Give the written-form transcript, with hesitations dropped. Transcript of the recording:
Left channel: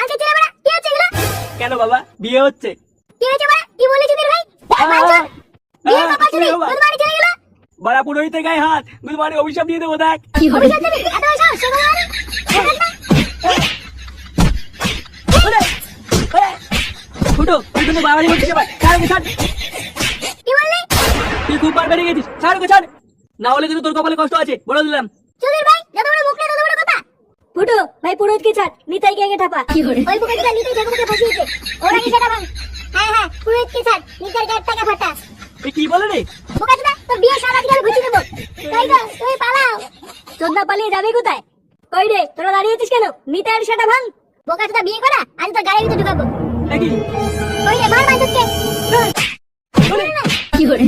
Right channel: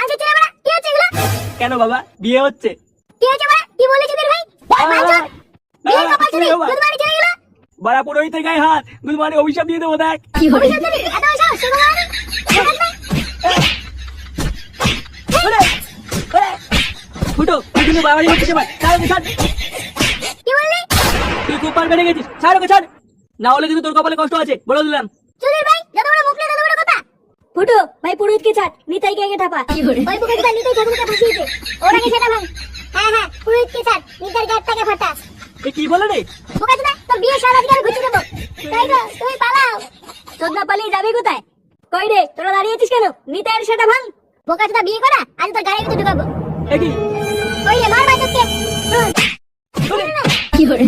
কালকে ছেলে বড়া কি হচ্ছে এগুলো? কেন বাবা বিয়ে হচ্ছে? কি হয়েছে বড়া? কি বলেছিস তোর ভাই? বাঞ্চদ বিয়ে কপাল ছিলি দুধমানি চলে গেল। বড়া পুরোহিতের গায়ে হাত, গুলমারে অভিশাপ দিয়ে দেবো দেখ। অভিশাপ দিবি? এত সাহস সুকুমারি? ফুটো তুই কিন্তু বাড়ি হচ্ছে ভাই, ছাড় ওকে, ছাড়। কি বললি? তুই খুব বার বেড়ে গেছিস, ছাড় ওকে, ছাড়। না হলে কিন্তু তোর কপালে কষ্ট আছে, বলে দিলাম। সুধীর ভাই যত বড় মুখ না তত বড় কথা। ফুটো ভাই পুরোহিতকে ছাড়, নিতাইকে আগে ঠাপা। ওই পুরোহিতটা নিতাই ঠাকুরকে ফাঁসিয়েছে, ওর আগে সেটা ভাঙ। হ্যাঁ পুরোহিতকে ছাড়, নিতাইর গায়ের টাকা ফাটা। এই কি বলে রে? বোকাচোদা তোর বিয়ে সারা আজকে আমি ঘুচিয়ে দেবো। তাই তো তুমি পালাও। চোদনা পালিয়ে যাবে কোথায়? কই রে তোরা দাঁড়িয়ে আছিস কেন? নিতাইয়ের সেটা ভাঙ। বোকাচোদা বিয়ে করা আজ তোর গাড়ির ভিতরে ঢুকাবো। দেখি কই রে মার বাইরে থেকে। কি করে?